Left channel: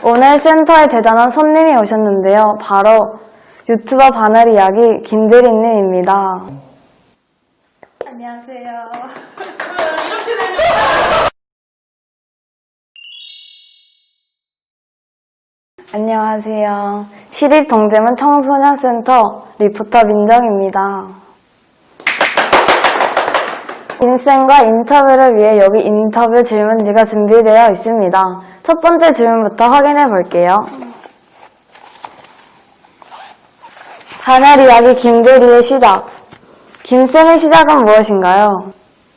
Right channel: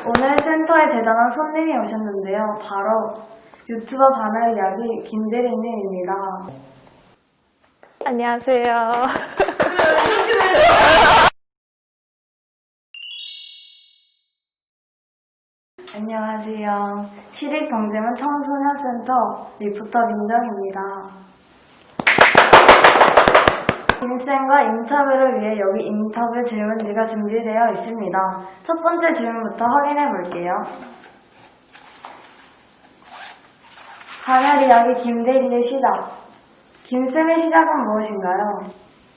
오늘 센터에 대단한 손님이 오셨는데요. 바로 유튜버 바늘 이야기 김대리님입니다. 안녕하세요. 안녕하세요. 시립동대문 청소년센터 리포터 민정입니다. 인쌤과 인터뷰를 위해 여기 인터뷰 질문지가 준비되어 있습니다. 첫 번째 질문부터 확인해 볼게요. 바늘 이야기 김대리의 시작. 김쌤의 시작은 무엇인가요?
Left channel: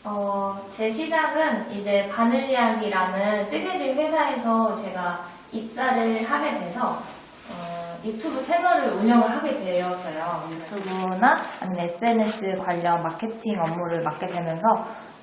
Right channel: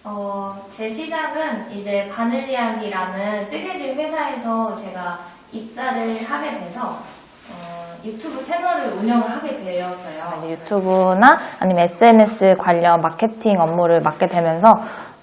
어, 제 시작은 이제 바늘 이야기라는 뜨개질 회사에서 제가 입사를 하게 돼서 어, 유튜브 채널을 운영을 하게 되었어요. 유튜브나 아니면 SNS 관련 마케팅 업무를 맡게 되면서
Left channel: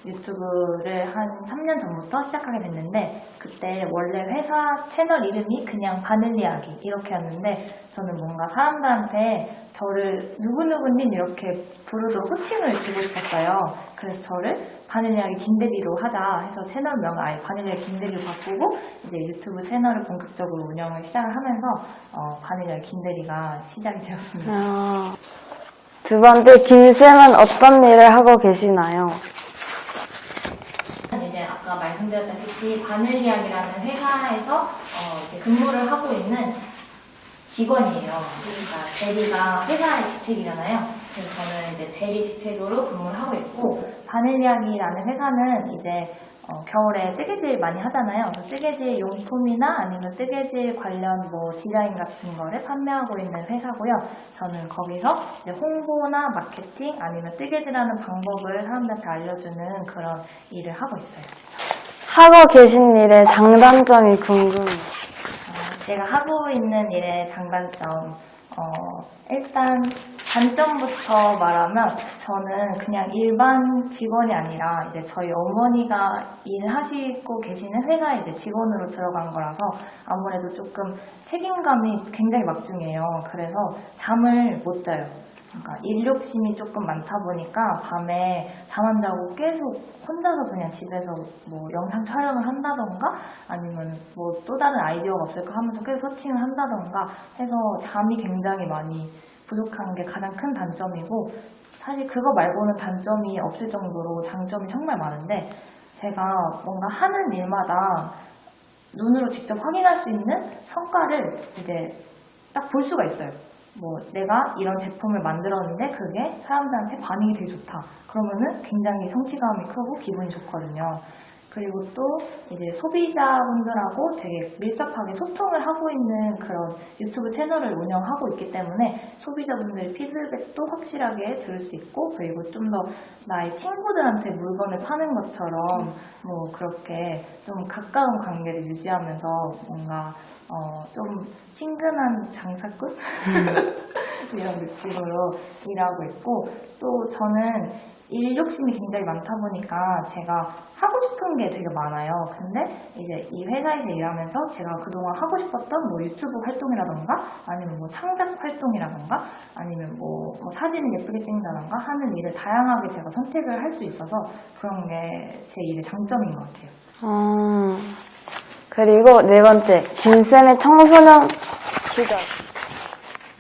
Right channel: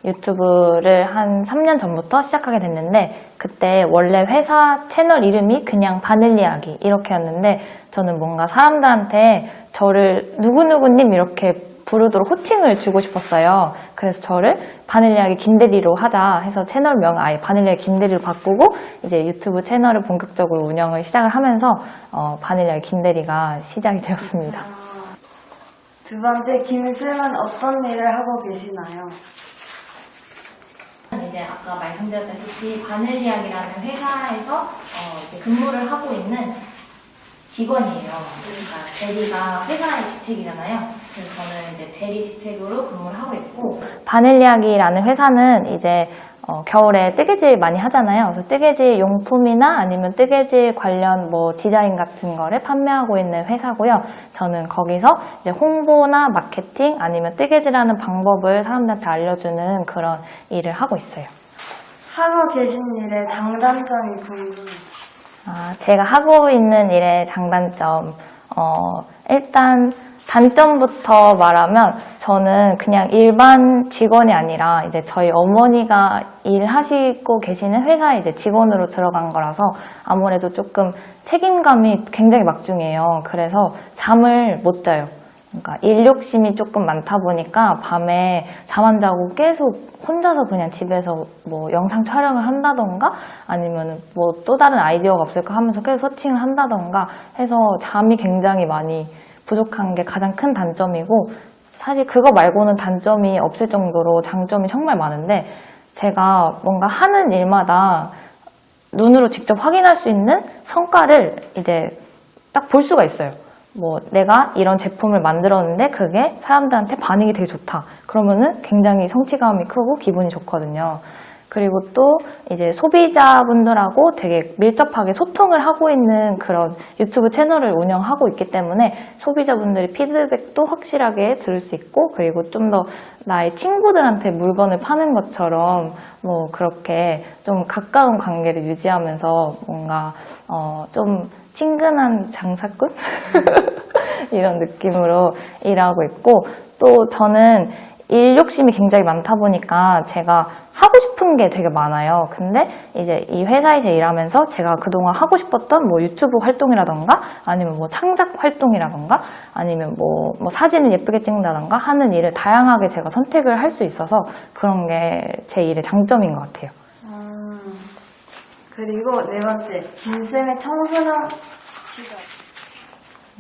유튜브를 한 3년 전부터 시작하게 됐는데 그때 원래 회사 채널 이름이 그냥 바늘 이야기 이렇게였는데 저는 뭔가 사람들한테 저를 누구누구님 이렇게 부르도록 호칭을 주고 싶었어요. 그래서 저를 바닐리아기 김대리로 하자 해서 채널명 아예 바닐리아기 김대리로 바꾸고 이제 유튜브 채널을 본격적으로 운영을 시작을 하면서 어, 바닐리아기 김대리가 시작이 되었습니다. 아, 두 번째, 김쌤은 어떤 일을 하고 계시나요? 이제 아까 말씀드렸다시피 바늘이야기라는 회사에서 어, 이제 근무를 하고 있는 직원이에요. 그러니까 대리가 회사의 직책이잖아요. 그래서 저는 이제 대리 직책으로 근무를 하고 있고 바늘이야기라는 회사는 이제 어, 겨울에 뜨개질 많이 하잖아요. 그래서 뜨개질 용품이나 아니면 뜨개질 관련 뭐 디자인 같은 거를 판매하고 있는 회사고요. 저는 거기서 이제 홍보나 마케팅 아니면 뜨개질하는 방법을 사람들한테 알려주는 그런 일을 하고 있어요. 하고 계신 일의 장단점이 궁금해요. 아, 제가 하고 있는 일의 장단점. 어, 일단 단점부터 말하면 저는 그냥 일반 직원이 아니라 이제 저희 어머니가 일하시고 계시는 회사에 이제 직원으로 들어간 거라서 아무래도 조금 책임감이 굉장히 막중해요. 그래서 잠을 못 자요. 그러니까 일 욕심이 조금 많다 보니까 밤에 잠 안 자고 계속 혼자서 그냥 집에서 뭐 영상 촬영을 한다던가 아니면 뭐 또 다른 아이디어가 없을까 하면서 계속 서칭을 한다던가 해서 잠이 굉장히 많이 부족한 게 가장 큰 단점이고 사실 그거 말고는 단점이 없을 정도로 장점이 정말 많은데 제가 뭔가 하는 일마다 눈으로 직접 확인할 수 있는 성과를 이제 딱 볼 수가 있어요. 뭐 내가 이런 제품을 만들었는데 그게 사람들한테 반응이 되게 좋다. 그러면은 굉장히 성취감이 크고 기분이 좋거든요. 그리고 또 이제 소비자분들하고 되게 밀접하게 소통을 하고 있는 그런 유튜브 채널을 운영하고 있기 때문에 소비자분들의 피드백도 확실하게 들을 수 있고 그리고 좀 더 나의 친구들한테 물건을 파는 것처럼 뭐 그렇게 좀 가까운 관계를 유지하면서 뭔가 어 좀 친근한 장사꾼? 이런 느낌으로 일하고 있고 또 저는 일 욕심이 굉장히 많다 보니까 제가 하고 싶은 게 되게 많아요. 근데 이제 이 회사에서 일하면서 제가 그동안 하고 싶었던 뭐 유튜브 활동이라던가 아니면 뭐 창작 활동이라던가 아니면 뭐, 뭐 사진을 예쁘게 찍는다던가 하는 일을 다양하게 제가 선택을 할 수 있어서 그런 게 제 일의 장점인 것 같아요. 어, 그리고 네 번째, 김쌤의 청소년 시절.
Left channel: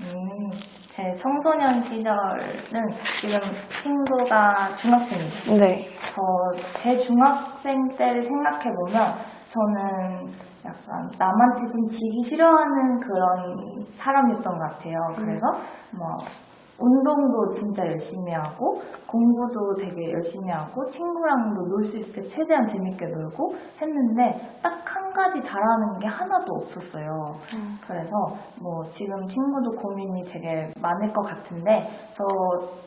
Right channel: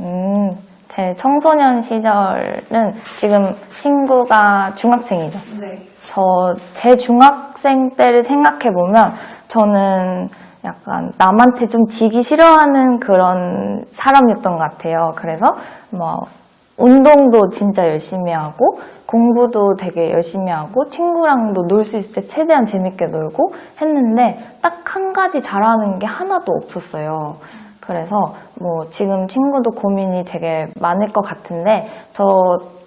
음, 제 청소년 시절은 지금 친구가 중학생이죠. 네. 저 제 중학생 때를 생각해 보면 저는 약간 남한테 좀 지기 싫어하는 그런 사람이었던 것 같아요. 그래서 뭐 운동도 진짜 열심히 하고 공부도 되게 열심히 하고 친구랑도 놀 수 있을 때 최대한 재밌게 놀고 했는데 딱 한 가지 잘하는 게 하나도 없었어요. 그래서 뭐 지금 친구도 고민이 되게 많을 것 같은데 저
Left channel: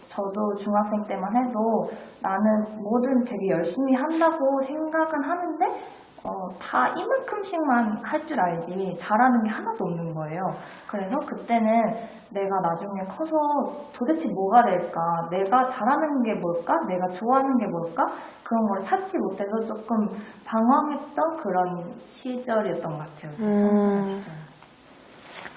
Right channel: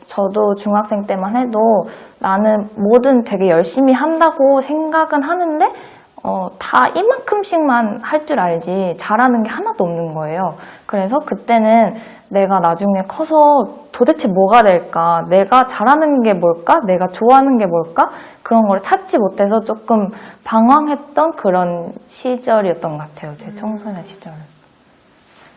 저도 중학생 때만 해도 나는 뭐든 되게 열심히 한다고 생각은 하는데 어, 다 이만큼씩만 할 줄 알지 잘하는 게 하나도 없는 거예요. 그래서 그때는 내가 나중에 커서 도대체 뭐가 될까? 내가 잘하는 게 뭘까? 내가 좋아하는 게 뭘까? 그런 걸 찾지 못해서 조금 방황했던 그런 시절이었던 것 같아요. 제 청소년 음. 시절.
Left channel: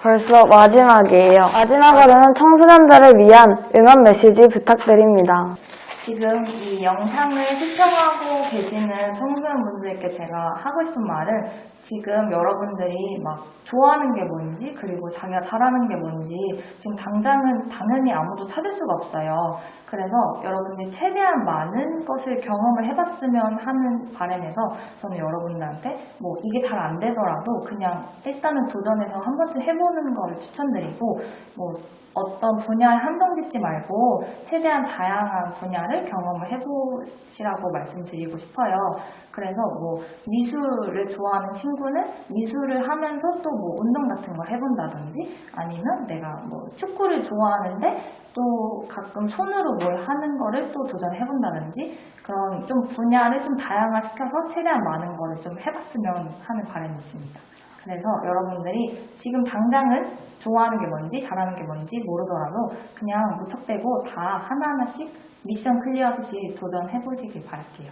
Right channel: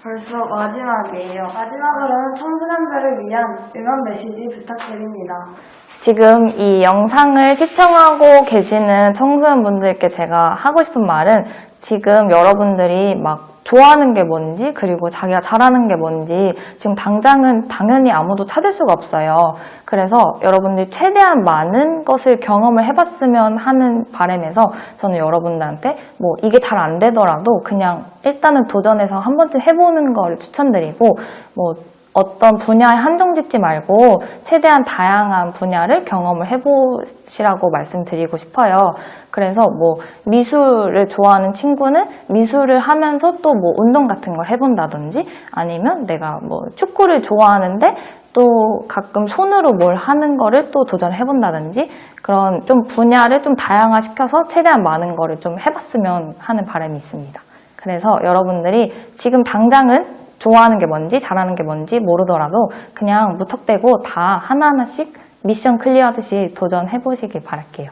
벌써 마지막이에요. 마지막으로는 청소년들을 위한 응원 메시지 부탁드립니다. 지금 이 영상을 시청하고 계시는 청소년분들께 제가 하고 싶은 말은 지금 여러분들이 막 좋아하는 게 뭔지 그리고 자기가 잘하는 게 뭔지 지금 당장은 당연히 아무도 찾을 수가 없어요. 그래서 여러분들이 최대한 많은 것을 경험을 해봤으면 하는 바람에서 저는 여러분들한테 뭐 이게 잘 안 되더라도 그냥 일단은 도전해서 한 번쯤 해보는 걸 추천드리고 뭐 어떤 분야에 한정 짓지 말고 최대한 다양한 분야를 경험을 해보시라고 말씀드리고 싶어요. 그래서 뭐 미술을 좋아하는 친구는 미술을 하면서 또 뭐 운동 같은 걸 해본다든지 아니면 내가 뭐 축구를 좋아하는데 또 가끔 손으로 뭘 하는 거를 또 도전해본다든지 그런 좀 분야를 좀 다양화시켜서 최대한 많은 거를 좀 해봤으면 하는 바람이 있습니다. 그래서 여러분들이 지금 당장은 좋아하는 게 뭔지 잘하는 게 뭔지 모르더라도 그냥 무턱대고 다 하나하나씩 미션 클리어하듯이 도전해 보시길 바랄게요.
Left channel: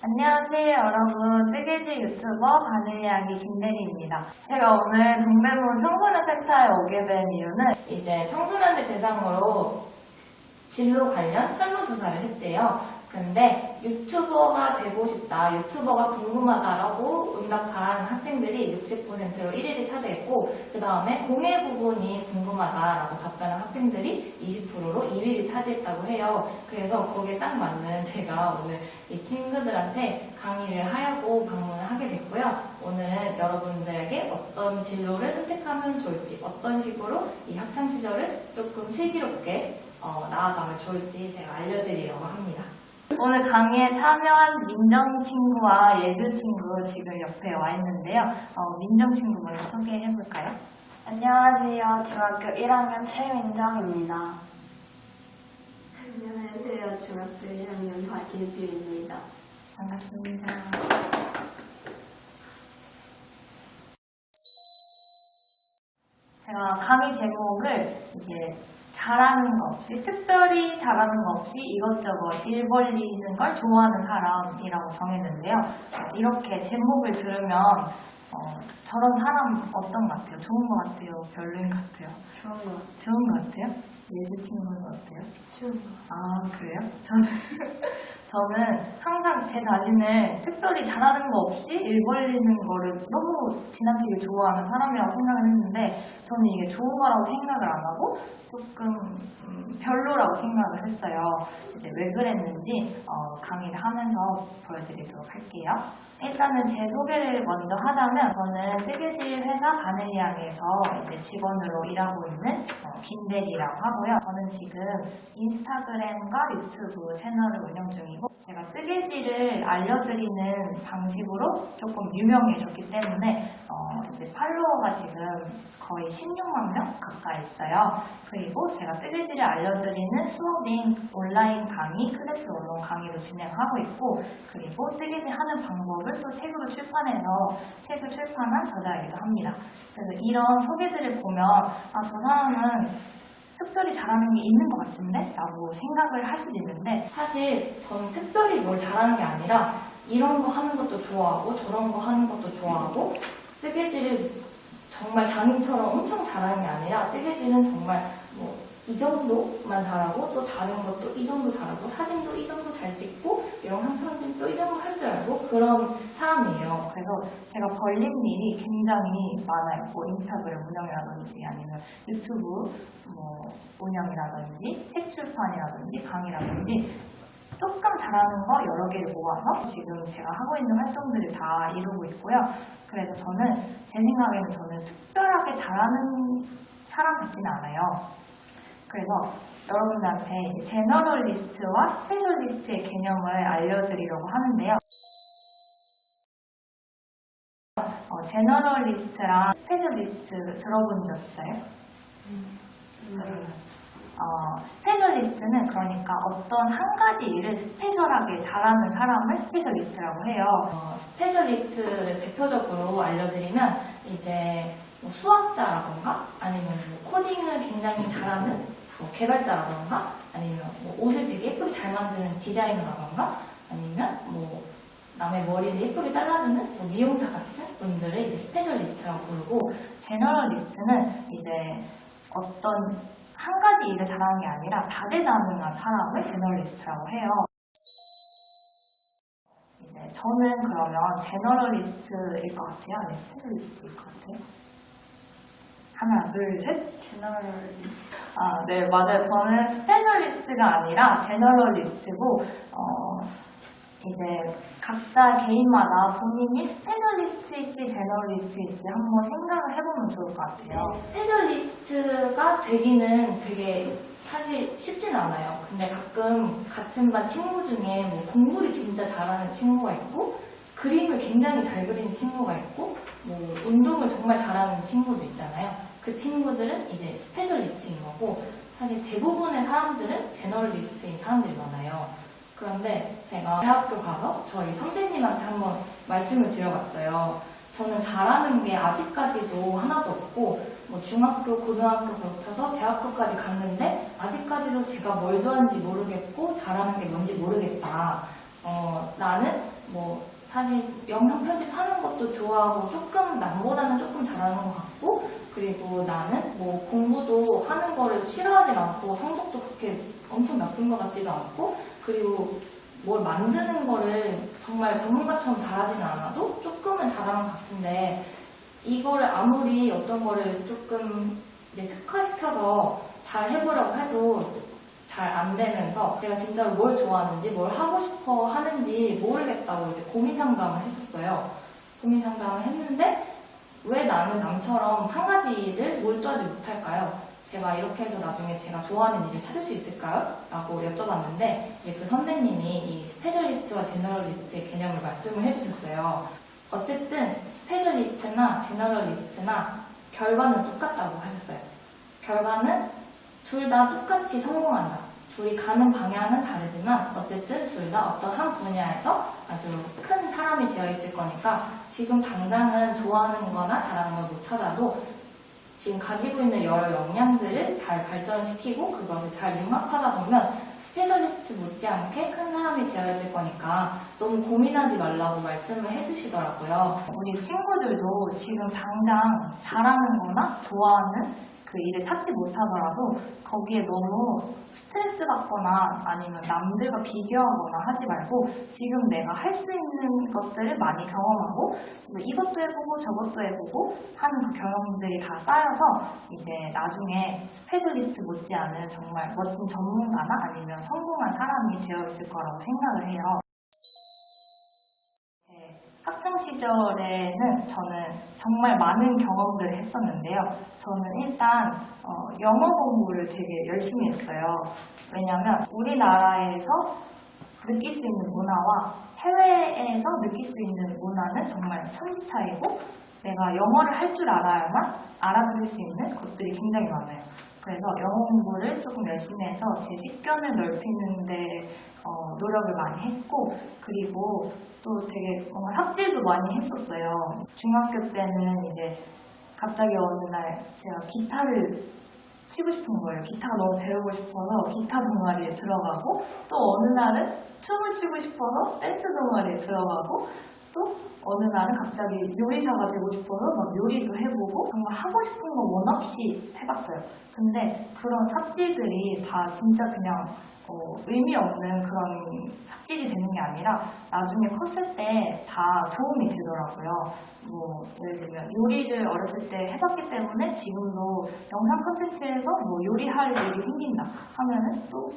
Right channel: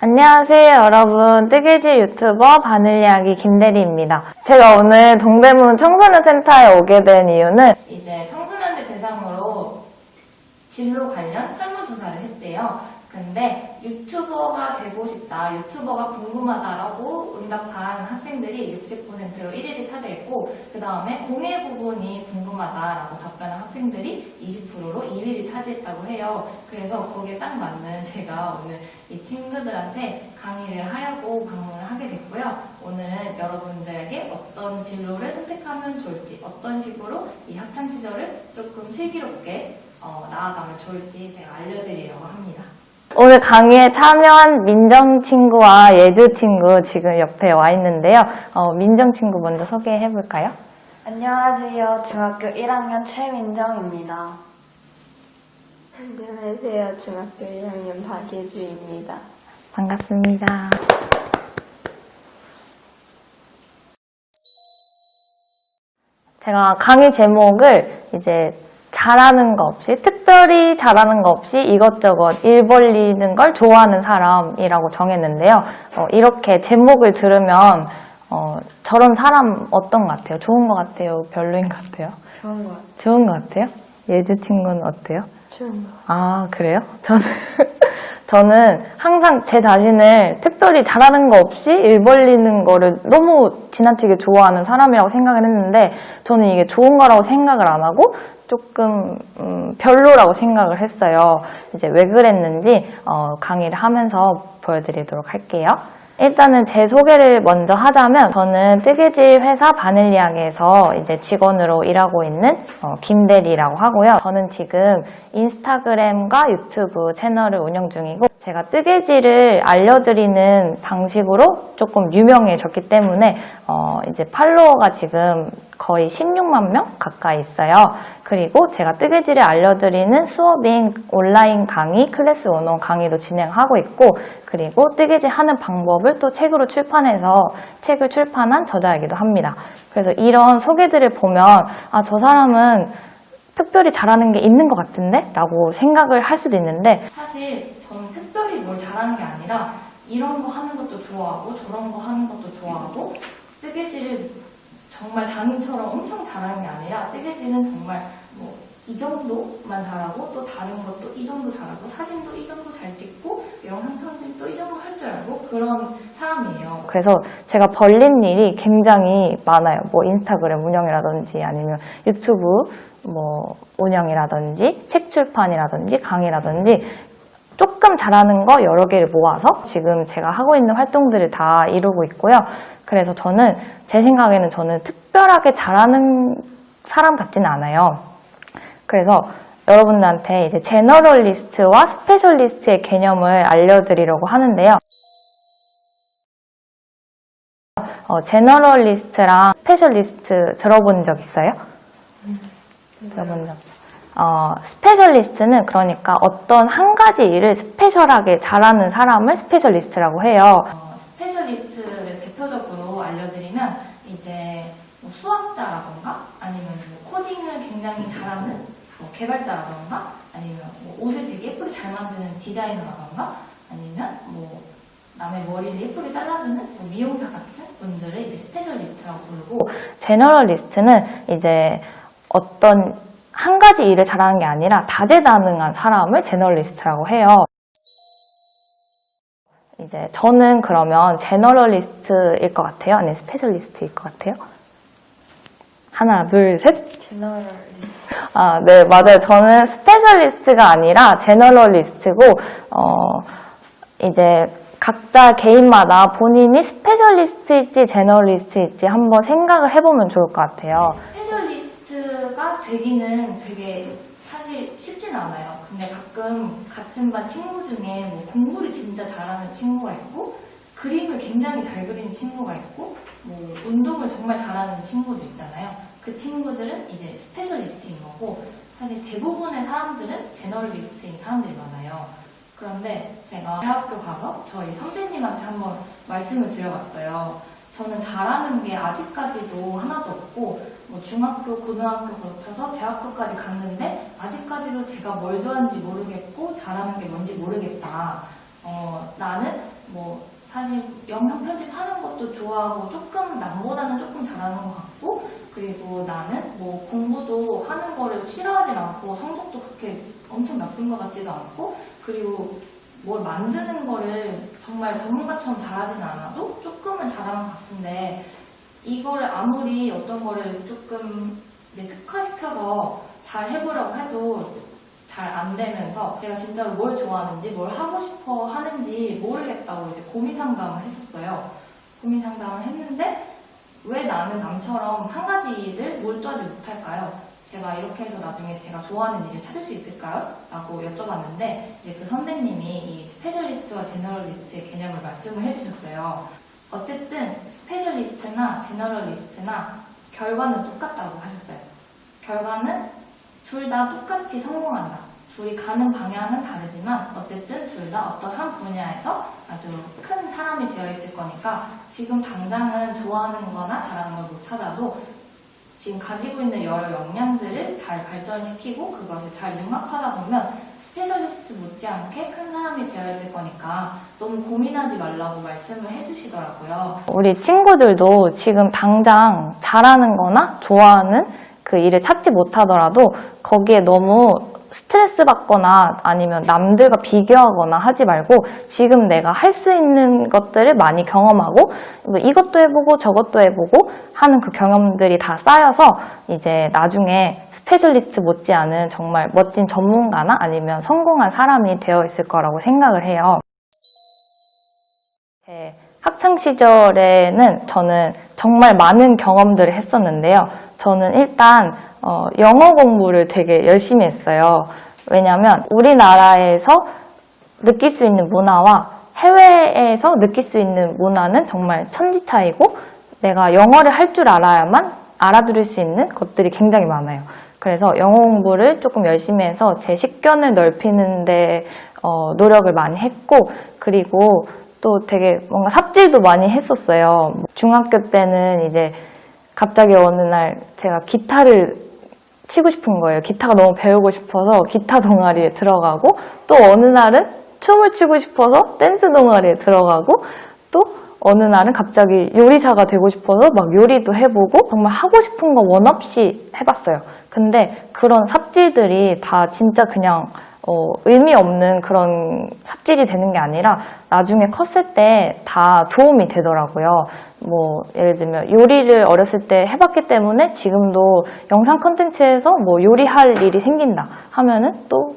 안녕하세요 여러분 뜨개질 유튜버 바늘이야기 김대리입니다. 제가 오늘 동대문 청소년 센터에 오게 된 이유는 이제 청소년들 대상으로 진로 관련 설문조사를 했대요. 근데 유튜버가 되고 싶다, 유튜버가 궁금하다라고 응답한 학생들이 60%로 1위를 차지했고, 그 다음에 공예 부분이 궁금하다라고 답변한 학생들이 20%로 2위를 차지했다고 해요. 그래서 거기에 딱 맞는 제가 오늘 이 친구들한테 강의를 하려고 방문을 하게 됐고요. 오늘은 여러분들에게 어떤 진로를 선택하면 좋을지, 어떤 식으로 이 학창 시절을 조금 슬기롭게 어, 나아가면 좋을지 제가 알려드리려고 합니다. 오늘 강의에 참여한 민정 친구와 예주 친구 지금 옆에 와 있는데요. 어, 민정 친구 먼저 소개해 볼까요? 안녕하세요. 중학교 1학년 최민정입니다. 안녕하세요. 중학교 1학년 박예주입니다. 반갑습니다. 제가 강의 제목을 이제 잘하는 거 없이, 특별히 잘하는 거 없이 이것저것 일 벌리는 걸 좋아하는 사람이라고 정했는데요. 어, 이렇게 제목을 들으면 어, 저런 사람 어떤 것 같아요? 좋은 것 같아요? 별로인 것 같아요? 좋은 것 같아요. 좋은 것 같아요? 예주 친구는 어때요? 아, 그래요? 저는, 저는 항상 제 자신을 특별히 잘하는 거 없이 일 벌리는 거를 너무 지나치게 좋아하는 사람이라고 생각을 했는데, 저는 이게 좋은 거라고 생각을 안 하고, 조금, 음, 별로라고 생각을 했어요. 이제 왜 그랬는지, 어, 강의를 하면서 보여드리도록 할게요. 일단은 제 소개를 먼저 하자면 저는 뜨개질 회사 바늘리앙에서 이제 직원으로 일하고 있는 어, 김대리라고 하고요. 저는 지금 인스타그램과 유튜브 채널을 운영 중이고 제가 뜨개질을 알려드리는 방식으로 조금 유명해졌기 때문에 어, 이제 팔로워가 지금 거의 16만 명 가까이 있어요. 그리고 제가 뜨개질을 알려드리는 수업인 온라인 강의, 클래스 원원 강의도 진행하고 있고, 그리고 뜨개질 하는 방법을 또 책으로 출판해서 책을 출판한 저자이기도 합니다. 그래서 이런 소개들을 보면, 아, 저 사람은 특별히 잘하는 게 있는 것 같은데? 라고 생각을 할 수도 있는데, 사실 저는 특별히 뭘 잘하는 게 아니라, 이런 거 하는 것도 좋아하고, 저런 거 하는 것도 좋아하고, 뜨개질을 정말 장인처럼 엄청 잘하는 게 아니라 뜨개질은 정말 뭐 이 정도만 잘하고 또 다른 것도 이 정도 잘하고 사진도 이 정도 잘 찍고 영상 편집도 이 정도 할 줄 알고 그런 사람이에요. 그래서 제가 벌린 일이 굉장히 많아요. 뭐 인스타그램 운영이라든지 아니면 유튜브 뭐 운영이라든지 책 출판이라든지 강의라든지 조금 잘하는 거 여러 개를 모아서 지금 제가 하고 있는 활동들을 다 이루고 있고요. 그래서 저는 제 생각에는 저는 특별하게 잘하는 사람 같지는 않아요. 그래서 여러분들한테 이제 제너럴리스트와 스페셜리스트의 개념을 알려드리려고 하는데요. 어, 제너럴리스트랑 스페셜리스트 들어본 적 있어요? 들어본 적. 어, 스페셜리스트는 그러니까 어떤 한 가지 일을 스페셜하게 잘하는 사람을 스페셜리스트라고 해요. 어, 스페셜리스트를 대표적으로 알려드리면 이제 뭐 수학자라던가 아니면 뭐 코딩을 굉장히 잘하는 뭐 개발자라던가 아니면 뭐 옷을 되게 예쁘게 잘 만드는 디자이너라던가 아니면 뭐 남의 머리를 예쁘게 잘라주는 뭐 미용사 같은 분들을 이제 스페셜리스트라고 부르고 제너럴리스트는 이제 어떤 한 가지 일을 잘하는 게 아니라 다재다능한 사람을 제너럴리스트라고 해요. 이제 저는 그러면 제너럴리스트일 것 같아요? 아니면 스페셜리스트일 것 같아요? 하나, 둘, 셋. 아, 네, 맞아요. 저는 스페셜리스트가 아니라 제너럴리스트고, 어, 이제 각자 개인마다 본인이 스페셜리스트일지 제너럴리스트일지 한번 생각을 해보면 좋을 것 같아요. 스 페셜리스트가 되기는 되게 사실 쉽진 않아요. 근데 가끔 같은 반 친구 중에 뭐 공부를 진짜 잘하는 친구가 있고 그림을 굉장히 잘 그리는 친구가 있고 뭐 운동을 정말 잘하는 친구도 있잖아요. 그 친구들은 이제 스페셜리스트인 거고 사실 대부분의 사람들은 제너럴리스트인 사람들이 많아요. 그런데 제가 대학교 가서 저희 선배님한테 한번 말씀을 드려봤어요. 저는 잘하는 게 아직까지도 하나도 없고 뭐 중학교, 고등학교 거쳐서 대학교까지 갔는데 아직까지도 제가 뭘 좋아하는지 모르겠고 잘하는 게 뭔지 모르겠다. 어, 나는 뭐 사실 영상 편집하는 것도 좋아하고 조금 남보다는 조금 잘하는 것 같고 그리고 나는 뭐 공부도 하는 거를 싫어하진 않고 성적도 그렇게 엄청 나쁜 것 같지도 않고 그리고 뭘 만드는 거를 정말 전문가처럼 잘하진 않아도 조금은 잘하는 것 같은데 이거를 아무리 어떤 거를 조금 이제 특화시켜서 잘 해보려고 해도 잘 안 되면서 제가 진짜로 뭘 좋아하는지 뭘 하고 싶어 하는지 모르겠다고 이제 고민 상담을 했었어요. 고민 상담을 했는데 왜 나는 남처럼 한 가지를 몰두하지 못할까요? 제가 이렇게 해서 나중에 제가 좋아하는 일을 찾을 수 있을까요? 라고 여쭤봤는데 이제 그 선배님이 이 스페셜리스트와 제너럴리스트의 개념을 말씀을 해주셨어요. 어쨌든 스페셜리스트나 제너럴리스트나 결과는 똑같다고 하셨어요. 결과는 둘 다 똑같이 성공한다. 둘이 가는 방향은 다르지만 어쨌든 둘 다 어떤 한 분야에서 아주 큰 사람이 되어 있을 거니까 지금 당장은 좋아하는 거나 잘하는 걸 못 찾아도 지금 가지고 있는 여러 역량들을 잘 발전시키고 그것을 잘 융합하다 보면 스페셜리스트 못지않게 큰 사람이 되어 있을 거니까 너무 고민하지 말라고 말씀을 해주시더라고요. 우리 친구들도 지금 당장 잘하는 거나 좋아하는 그 일을 찾지 못하더라도 거기에 너무 스트레스 받거나 아니면 남들과 비교하거나 하지 말고 지금 내가 할 수 있는 것들을 많이 경험하고 뭐 이것도 해보고 저것도 해보고 하는 그 경험들이 다 쌓여서 이제 나중에 스페셜리스트 못지않은 정말 멋진 전문가나 아니면 성공한 사람이 되어 있을 거라고 생각을 해요. 제 학창 시절에는 저는 정말 많은 경험들을 했었는데요. 저는 일단 어, 영어 공부를 되게 열심히 했어요. 왜냐하면 우리나라에서 느낄 수 있는 문화와 해외에서 느낄 수 있는 문화는 정말 천지 차이고 내가 영어를 할 줄 알아야만 알아들을 수 있는 것들이 굉장히 많아요. 그래서 영어 공부를 조금 열심히 해서 제 식견을 넓히는 데 어, 노력을 많이 했고 그리고 또 되게 뭔가 삽질도 많이 했었어요. 중학교 때는 이제 갑자기 어느 날 제가 기타를 치고 싶은 거예요. 기타가 너무 배우고 싶어서 기타 동아리에 들어가고 또 어느 날은 춤을 추고 싶어서 댄스 동아리에 들어가고 또 어느 날은 갑자기 요리사가 되고 싶어서 막 요리도 해보고 정말 하고 싶은 거 원 없이 해봤어요. 근데 그런 삽질들이 다 진짜 그냥 어, 의미 없는 그런 삽질이 되는 게 아니라 나중에 컸을 때 다 도움이 되더라고요. 뭐 예를 들면 요리를 어렸을 때 해봤기 때문에 지금도 영상 컨텐츠에서 뭐 요리할 일이 생긴다 하면은 또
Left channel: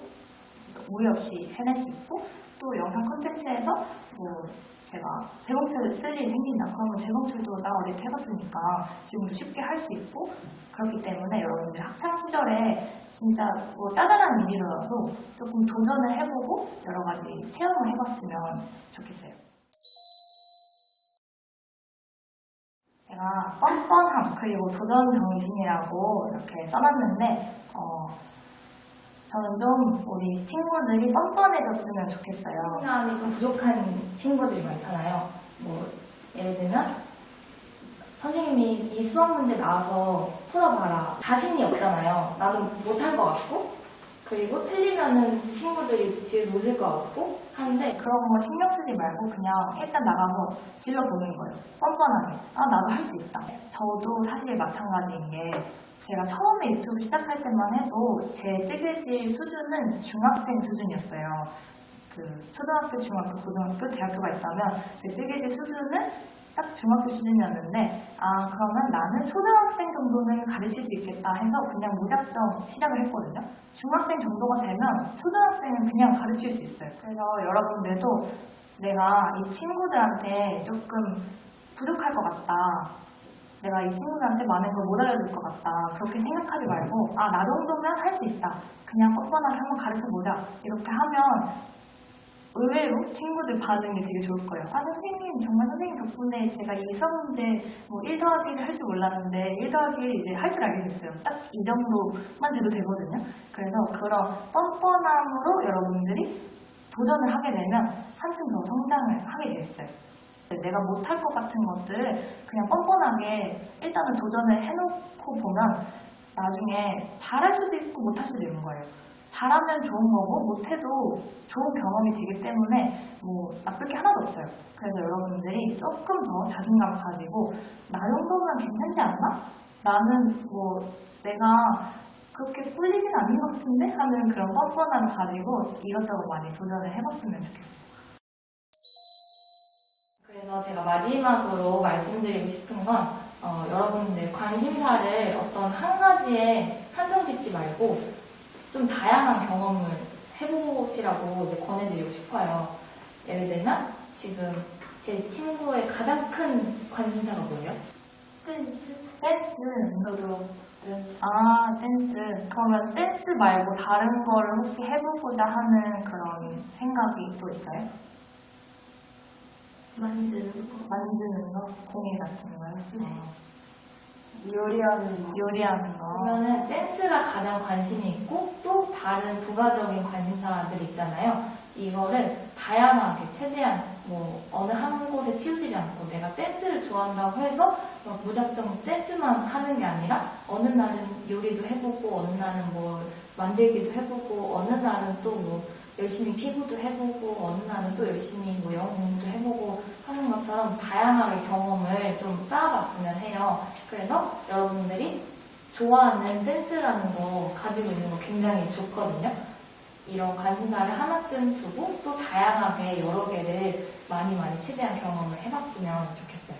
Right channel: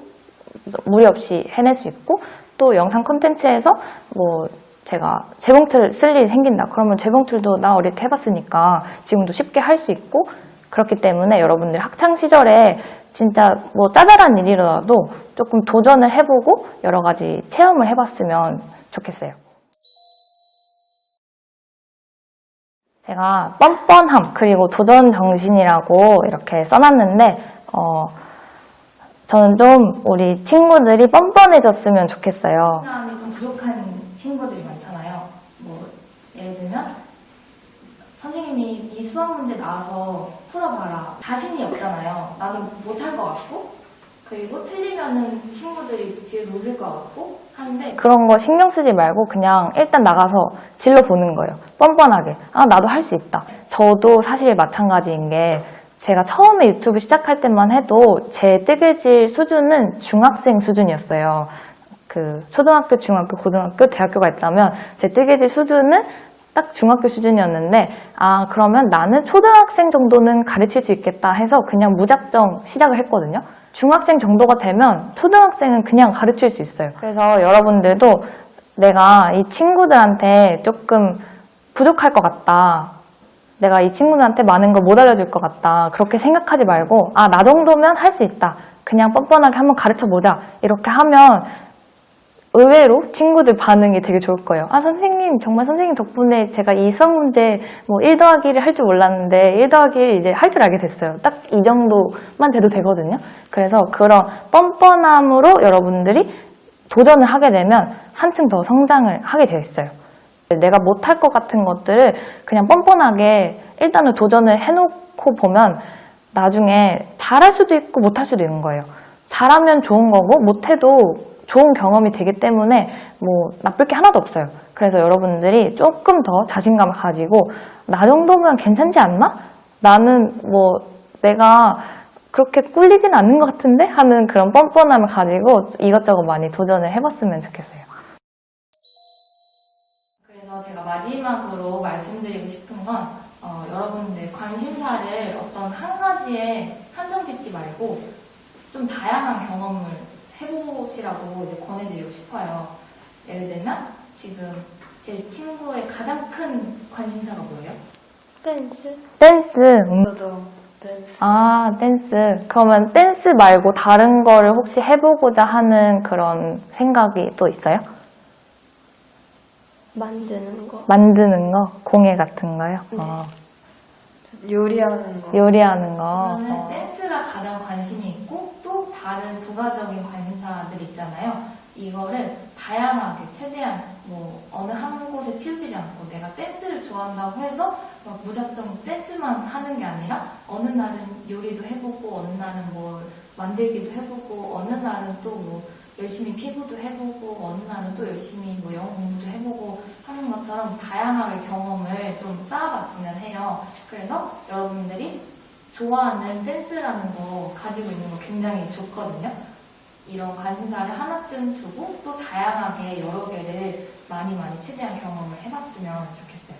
무리 없이 해낼 수 있고 또 영상 컨텐츠에서 뭐 제가 재봉틀 쓸 일이 생긴다 그러면 재봉틀도 나 어릴 때 해봤으니까 지금도 쉽게 할 수 있고 그렇기 때문에 여러분들 학창 시절에 진짜 뭐 짜잘한 일이라도 조금 도전을 해보고 여러 가지 체험을 해봤으면 좋겠어요. 제가 뻔뻔함 그리고 도전 정신이라고 이렇게 써놨는데 어, 저는 좀 우리 친구들이 뻔뻔해졌으면 좋겠어요. 자신감이 좀 부족한 친구들이 많잖아요. 뭐 예를 들면 선생님이 이 수학 문제 나와서 풀어봐라. 자신이 없잖아요. 나는 못할 것 같고 그리고 틀리면은 친구들이 뒤에서 웃을 것 같고 하는데 그런 거 신경 쓰지 말고 그냥 일단 나가서 질러 보는 거예요. 뻔뻔하게. 아, 나도 할 수 있다. 저도 사실 마찬가지인 게 제가 처음에 유튜브 시작할 때만 해도 제 뜨개질 수준은 중학생 수준이었어요. 그 초등학교, 중학교, 고등학교, 대학교가 있다면 제 뜨개질 수준은 딱 중학교 수준이었는데 아 그러면 나는 초등학생 정도는 가르칠 수 있겠다 해서 그냥 무작정 시작을 했거든요. 중학생 정도가 되면 초등학생은 그냥 가르칠 수 있어요. 그래서 여러분들도 내가 이 친구들한테 조금 부족할 것 같다. 내가 이 친구들한테 많은 걸 못 알려줄 것 같다. 그렇게 생각하지 말고, 아, 나 정도면 할 수 있다. 그냥 뻔뻔하게 한번 가르쳐 보자. 이렇게 하면 의외로 친구들 반응이 되게 좋을 거예요. 아, 선생님, 정말 선생님 덕분에 제가 이 수학 문제 뭐 1 더하기를 할줄 몰랐는데 1 더하기 이제 할 줄 알게 됐어요. 딱 이 정도만 돼도 되거든요. 그래서 그런 뻔뻔함으로 여러분들이 도전을 하게 되면 한층 더 성장을 하게 되어 있어요. 내가 못할 것 같은 것들을 그냥 뻔뻔하게 일단은 도전을 해놓고 보면 나중에 잘할 수도 있고 못할 수도 있는 거예요. 잘하면 좋은 거고 못해도 좋은 경험이 되기 때문에 뭐 나쁠 게 하나도 없어요. 그래서 여러분들이 조금 더 자신감을 가지고 나 정도면 괜찮지 않나? 나는 뭐 내가 그렇게 꿀리진 않는 것 같은데? 하는 그런 뻔뻔함을 가지고 이것저것 많이 도전을 해봤으면 좋겠어요. 그래서 제가 마지막으로 말씀드리고 싶은 건 어, 여러분들 관심사를 어떤 한 가지에 한정 짓지 말고 좀 다양한 경험을 해보시라고 이제 권해드리고 싶어요. 예를 들면 지금 제 친구의 가장 큰 관심사가 뭐예요? 댄스? 댄스, 음, 저도 댄스. 아, 댄스. 그러면 댄스 말고 다른 거를 혹시 해보고자 하는 그런 생각이 또 있어요? 만드는 거. 만드는 거? 공예 같은 거요? 어, 요리하는 거. 요리하는 거. 그러면은 댄스가 가장 관심이 있고 또 다른 부가적인 관심사들 있잖아요. 이거를 다양하게 최대한 뭐 어느 한 곳에 치우치지 않고 내가 댄스를 좋아한다고 해서 막 무작정 댄스만 하는 게 아니라 어느 날은 요리도 해보고 어느 날은 뭘 만들기도 해보고 어느 날은 또뭐 열심히 피구도 해보고 어느 날은 또 열심히 뭐 영어 공부도 해보고 하는 것처럼 다양하게 경험을 좀 쌓아봤으면 해요. 그래서 여러분들이 좋아하는 댄스라는 거 가지고 있는 거 굉장히 좋거든요. 이런 관심사를 하나쯤 두고 또 다양하게 여러 개를 많이 많이 최대한 경험을 해봤으면 좋겠어요.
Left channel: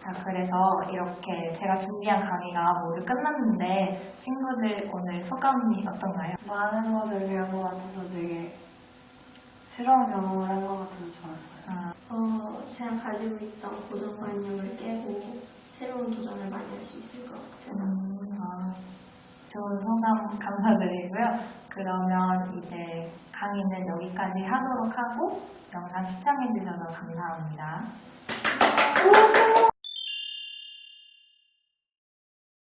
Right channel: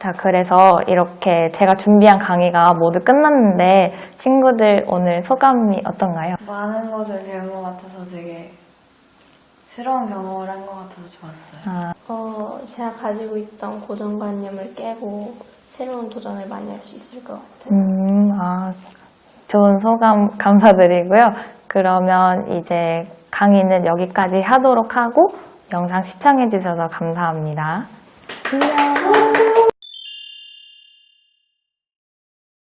자, 그래서 이렇게 제가 준비한 강의가 모두 끝났는데 친구들 오늘 소감이 어떤가요? 많은 것을 배운 것 같아서 되게 새로운 경험을 한 것 같아서 좋았어요. 아, 어, 제가 가지고 있던 고정관념을 깨고 새로운 도전을 많이 할 수 있을 것 같아요. 음, 아, 좋은 소감 감사드리고요. 그러면 이제 강의는 여기까지 하도록 하고 영상 시청해 주셔서 감사합니다. 안녕.